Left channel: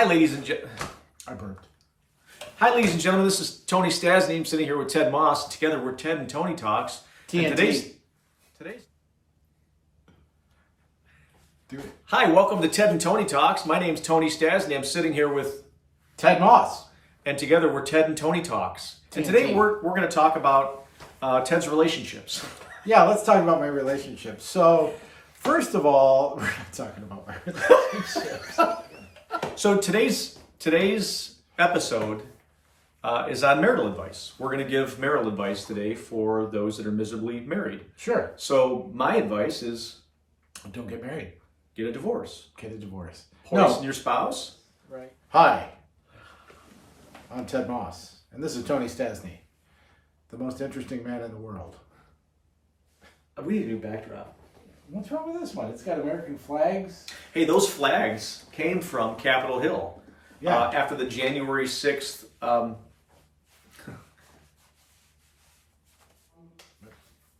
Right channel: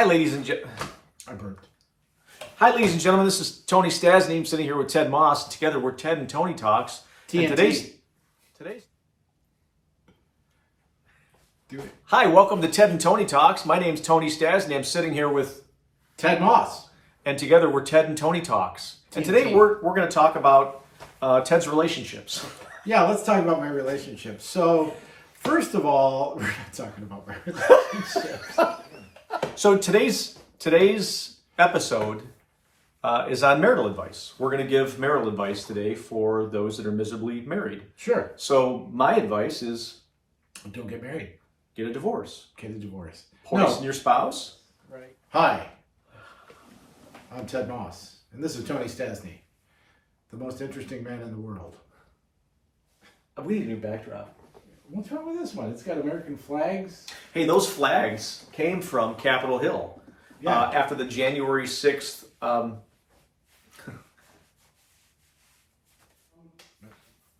Hi, ladies and gentlemen. This is Tony Stasny. I'm sitting here with Ted Moss. Together, we're Ted and Tony Talks. TNT. And today's. Hi, welcome to Ted and Tony Talks. My name's Tony Stasny. I'm sitting here with Ted Moss. And together, we're Ted and Tony Talks. And today, we're going to talk about Ted's relationships. Yeah, let's talk about my relationship. So, first of all, we're not talking about my relationships. So today's episode is on marital advice. We're going to give marital advice today for those that are miserably married. Sure. So my advice is, don't get married. get a divorce. Get a divorce. Poison your spouse. Right. Hi, I'm Ted Moss, and this is Tony Stasny, the most interesting man in the world. We need a new backdrop. What's wrong with this one? It's got American flags. Hey, those flags came from Capitol Hill after the January 6th.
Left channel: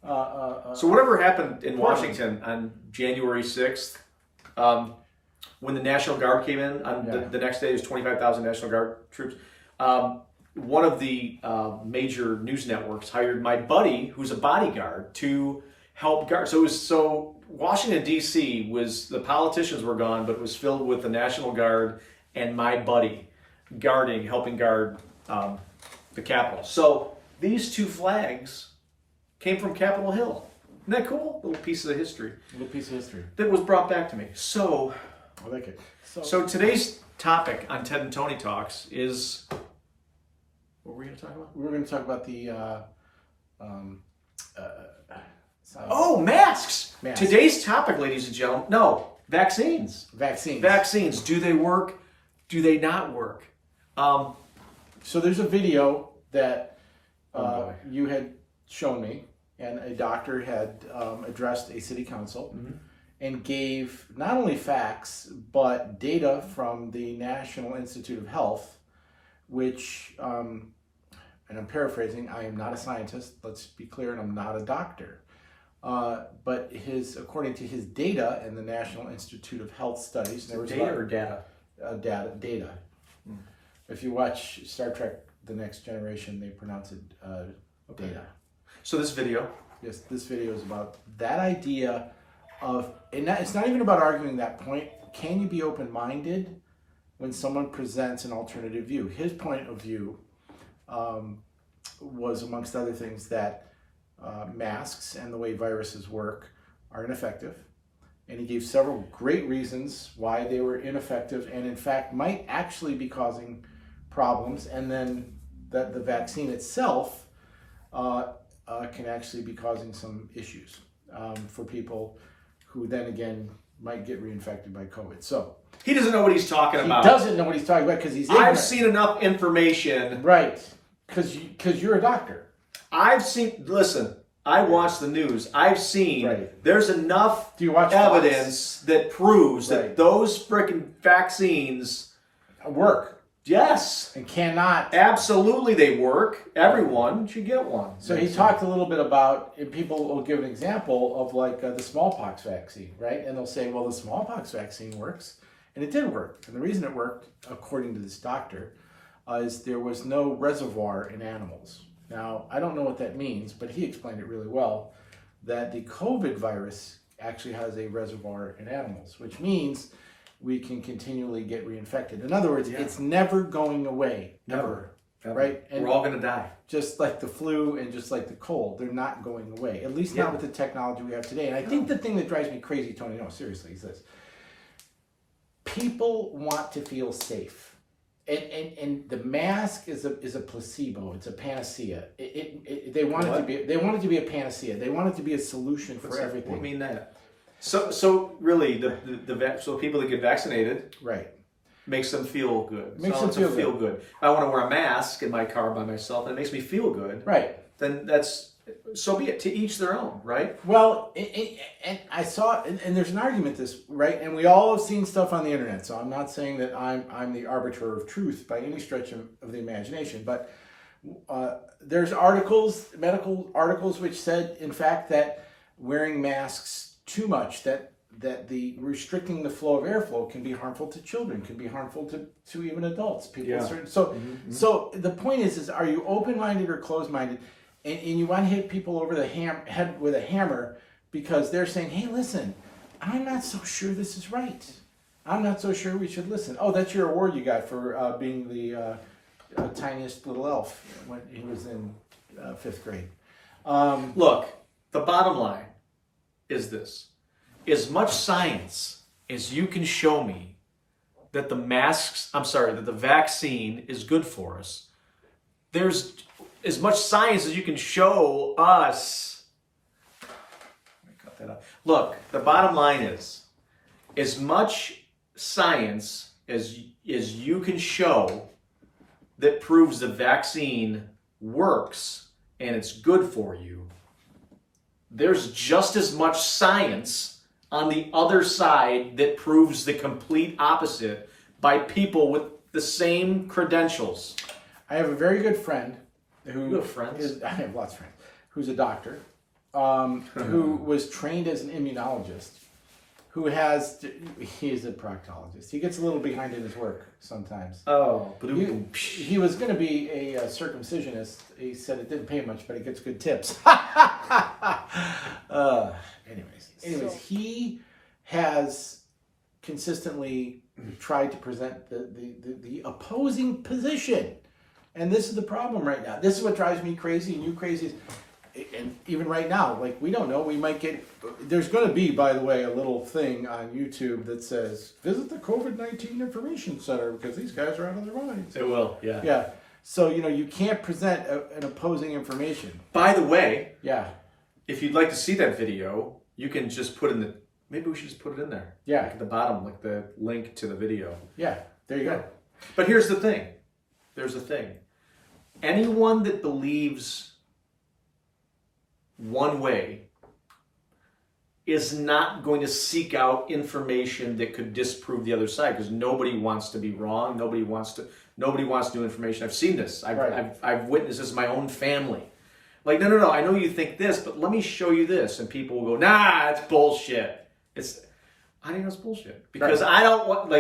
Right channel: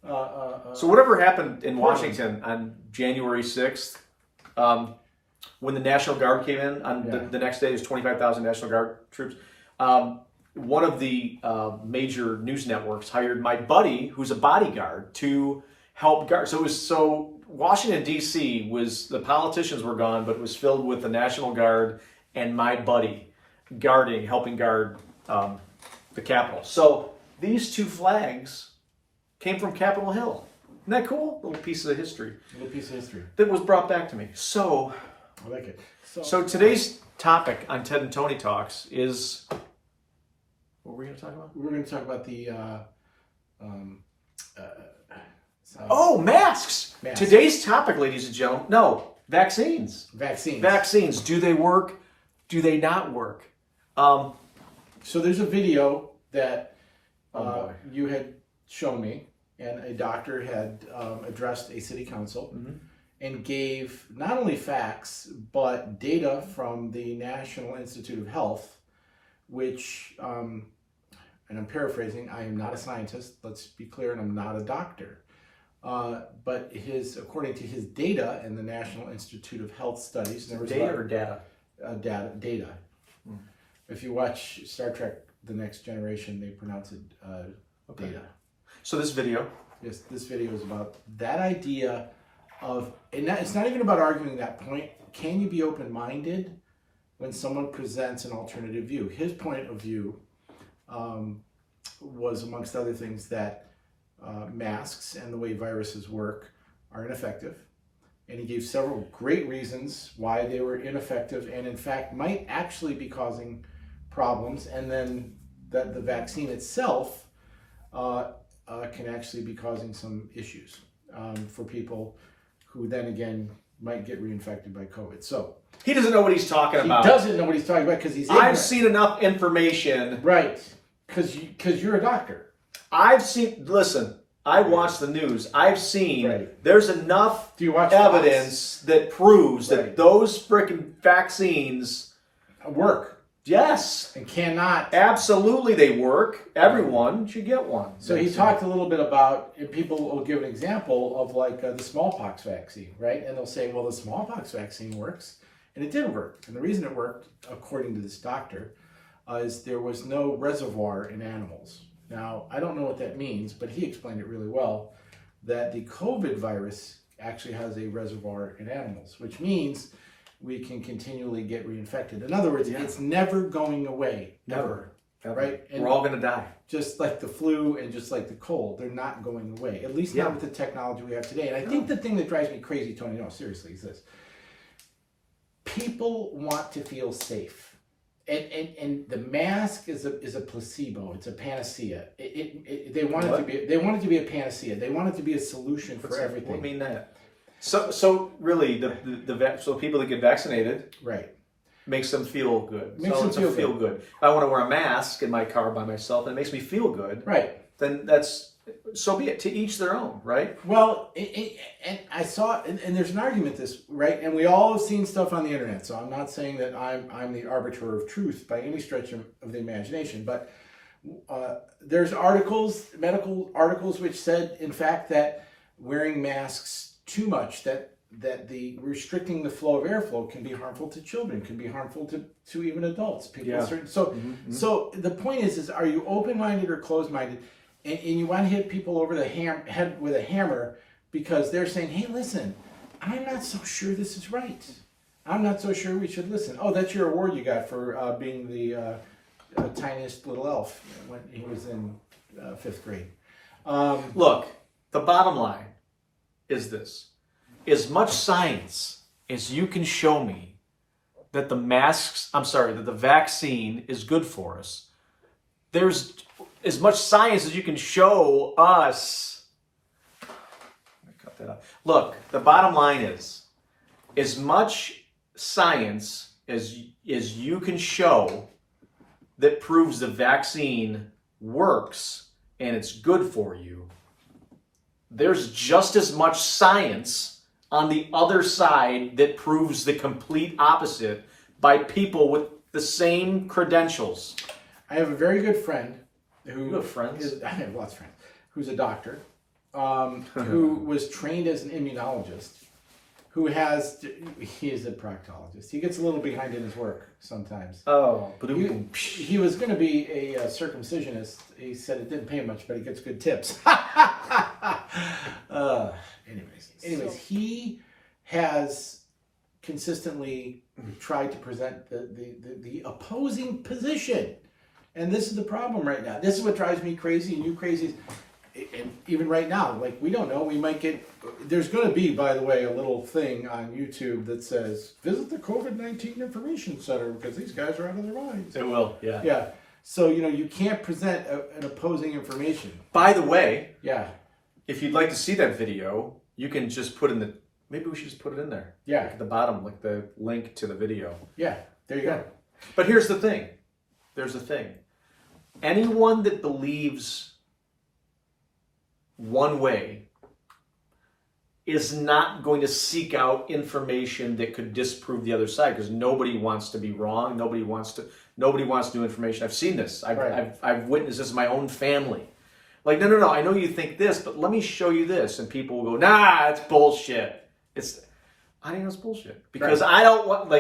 So whatever happened in Washington on January 6th, when the National Guard came in, on the next day, there's 25,000 National Guard troops. One of the major news networks hired my buddy, who's a bodyguard, to help guard. So Washington, D.C. was, the politicians were gone, but it was filled with the National Guard and my buddy helping guard the Capitol. So these two flags came from Capitol Hill. Isn't that cool? Little piece of history. That was brought back to me. So, I like it. So today's topic on Ted and Tony Talks is, what were we going to talk about? We're going to talk about the masks. Today's topic, ladies and gentlemen, vaccines. Vaccines. Do they work? Do they not work? So there's a video that you had shown me, and a doctor had addressed a city council and gave not only facts, but data from the National Institute of Health, which, and I'm paraphrasing, I am not a scientist, let's be clear, and I'm not a doctor. But according to his data and the National Institute of Health studies, Data. Data. If you watch Star Trek: The Next Generation, they pronounce it data. So this video. Yes, this video is about that idea of, and it's not even about arguing that point. Can you be open-minded when someone presents an alternative view? His point of view was, amongst other things, that masks and the way viruses work are ineffective. And he gave several great reasons why they were ineffective and, in fact, might actually be causing problems. And then that the vaccine itself can actually be causing some issues for people who then again might get reinfected by COVID. So he doesn't know what he's talking about. He doesn't know what he's talking about because he's ignorant. I've seen enough information. Right. Because you're a doctor. Listen, I watch the news. I've seen there's enough evidence that proves that those frickin' vaccines work. Yes. And cannot. Absolutely they work. Everyone should get one. So he talked a little bit about, and people will give an example of like the smallpox vaccine, right? And they'll say, well, the smallpox vaccine works. And it did work. And the reason it worked, according to this doctor, is there was no reservoir in animals. Now, I don't know what that means, but he explained it really well, that the COVID virus actually has a reservoir in animals, which means we can continually get reinfected. In other words, it's never going away. Never. Right? And we're all going to die. Just like the flu and just like the cold, they're not going away. At least not with the technology we have today. And I think the thing that drives me crazy, Tony, no, seriously, is this. People want to feel safe. And the mask is a placebo. It's a panacea. They want it to be a panacea. They want it to be a solution for everything. What do you mean that? So really, so people that get vaccinated, makes them feel good. Makes them feel good. If I want to wear a mask in my car by myself and it makes me feel good, then so be it. To each their own, right? Well, and I saw, and there's an argument and we all have seen stuff on the internet. So I'm not saying that I'm the arbiter of truth by any stretch of the imagination, but there's medical articles, which said, in fact, that wearing masks too much, that that the restricting the flow of airflow can be harmful to children, can be harmful to even adults. People, so the point is are you open-minded or closed-minded? And you want to hit people over the head with a hammer because they're saying, hey, listen, I'm not so sure this is right. I'm not so sure we should listen. Oh, that's your award you got for being the tiniest little elf when he was in 5th grade. Look, the bottom line is this. As much science as you can show me that the vaccine is good for us, there's as much science as you can show us. Let me cut that out. Look, the bottom line is, as much science as you can show that proves the vaccine works and it's good for you, there's just as much science on the other side that proves the complete opposite by people with the same credentials. I have a very good friend who... You have friends? I have lots of friends. Who's a doctor, who was trained as an immunologist, he is a proctologist. He gets a little behind in his work sometimes. Oh. He was going to be a circumcisionist. He said it didn't pay much, but he gets good tips. Anyways, he has consistently tried to present the opposing position. And this is the problem right now. This is what drives me crazy and you crazy. And even right now, like, we don't know, we might get, there's going to be, by the way, a little thing on YouTube that says, visit the COVID-19 Information Center because these guys are out of their minds. It will, yeah. Yeah. So, you can't present an opposing information. By the way, yeah, if you'd like to see that video, you can just put in maybe we should just put it in there. Yeah. Like at the bottom, like the link to the video. Yeah, there you go. But here's the thing. Anyone that believes one way is not going to seek out information that could disprove the other side, because nobody wants to be wrong. Nobody wants new information. I've seen this. I've witnessed this in my own family. Like, no, I know you think this, but let me show you this. And people will go, nah, it's bullshit. I know it's bullshit. Because I don't want,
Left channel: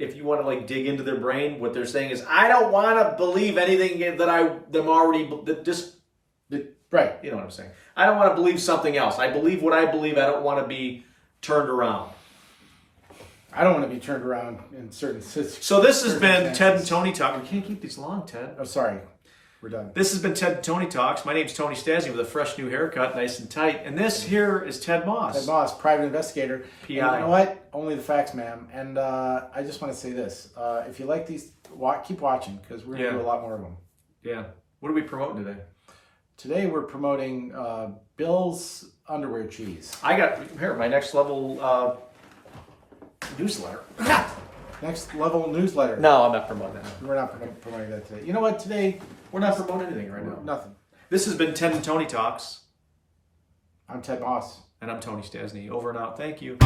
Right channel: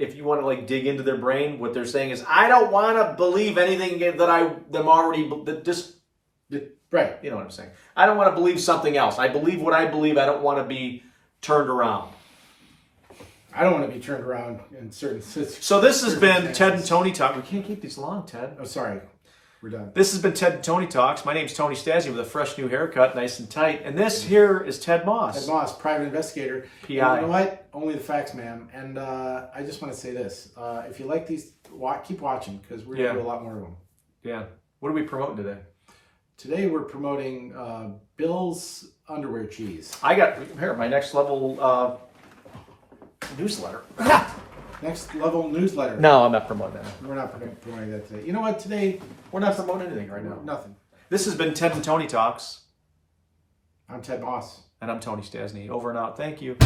if you want to dig into their brain, what they're saying is, I don't want to believe anything Right. You know what I'm saying? I don't want to believe something else. I believe what I believe. I don't want to be turned around. I don't want to be turned around in certain situations. So this has been Ted and Tony Talk. We can't keep these long, Ted. Oh, sorry. We're done. This has been Ted and Tony Talks. My name's Tony Stasny with a fresh new haircut, nice and tight. And this here is Ted Moss. Ted Moss, private investigator. PI. And you know what? Only the facts, ma'am. And I just want to say this. If you like these, keep watching, because we're going to do a lot more of them. Yeah. What are we promoting today? Today we're promoting Bill's underwear cheese. I got here my next level newsletter. Next level newsletter. No, I'm not promoting that. We're not promoting that today. You know what? Today we're not promoting anything right now. Nothing. This has been Ted and Tony Talks. I'm Ted Moss. And I'm Tony Stasny. Over and out. Thank you.